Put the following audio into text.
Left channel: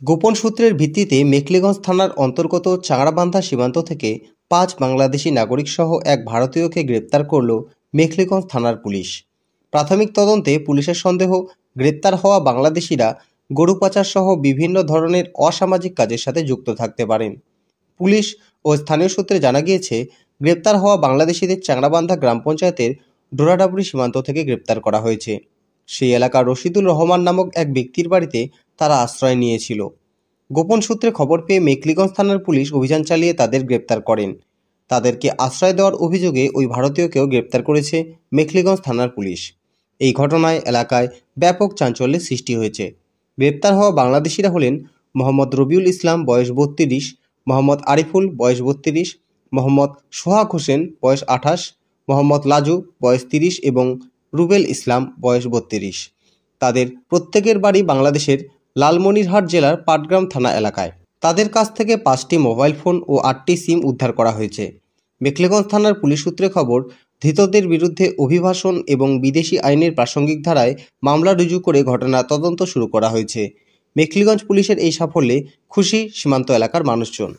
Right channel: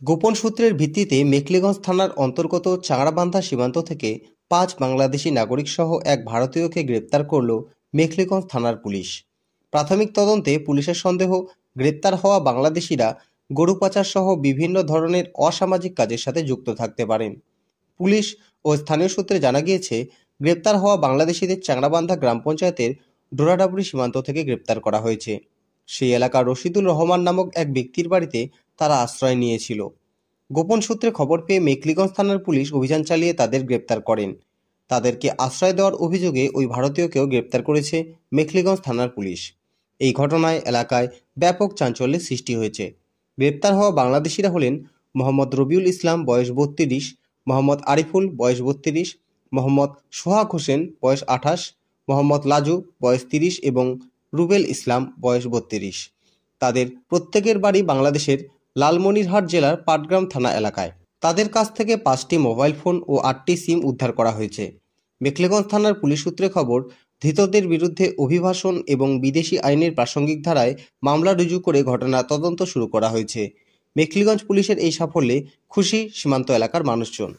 গোপন সূত্রের ভিত্তিতে মেখলিগঞ্জ থানার অন্তর্গত চাংড়াবান্ধা সীমান্ত থেকে 5 বাংলাদেশি নাগরিক সহ এক ভারতীয়কে গ্রেপ্তার করল মেখলিগঞ্জ থানার পুলিশ। প্রাথমিক তদন্তে পুলিশের সন্দেহ, গ্রেপ্তার হওয়া বাংলাদেশিরা গরু পাচার সহ বিভিন্ন ধরনের অসামাজিক কাজের সাথে যুক্ত থাকতে পারেন। পুলিশ ও স্থানীয় সূত্রে জানা গিয়েছে, গ্রেপ্তার হওয়া বাংলাদেশিদের চাংড়াবান্ধা গ্রাম পঞ্চায়েতের ডোরাডাবুরি সীমান্ত থেকে গ্রেপ্তার করা হয়েছে। সেই এলাকার রশিদুল রহমান নামক এক ব্যক্তির বাড়িতে তারা আশ্রয় নিয়েছিল। গোপন সূত্রে খবর পেয়ে মেখলিগঞ্জ থানার পুলিশ অভিযান চালিয়ে তাদের গ্রেপ্তার করেন। তাদেরকে আশ্রয় দেওয়ার অভিযোগে ওই ভারতীয়কেও গ্রেপ্তার করেছে মেখলিগঞ্জ থানার পুলিশ। এই ঘটনায় এলাকায় ব্যাপক চাঞ্চল্যের সৃষ্টি হয়েছে। গ্রেপ্তার হওয়া বাংলাদেশিরা হলেন মোহাম্মদ রবিউল ইসলাম, বয়স 32, মোহাম্মদ আরিফুল, বয়স 32, মোহাম্মদ সোহাগ হোসেন, বয়স 28, মোহাম্মদ লাজু, বয়স 30 এবং রুবেল ইসলাম, বয়স 32। তাদের প্রত্যেকের বাড়ি বাংলাদেশের লালমনিরহাট জেলার পাটগ্রাম থানা এলাকায়। তাদের কাছ থেকে 5টি মোবাইল ফোন ও 8টি সিম উদ্ধার করা হয়েছে। মেখলিগঞ্জ থানার পুলিশ সূত্রে খবর, ধৃতদের বিরুদ্ধে অভিবাসন এবং বিদেশি আইনের প্রাসঙ্গিক ধারায় মামলা রুজু করে ঘটনার তদন্ত শুরু করা হয়েছে। মেখলিগঞ্জ পুলিশের এই সাফল্যে খুশি সীমান্ত এলাকার মানুষজন।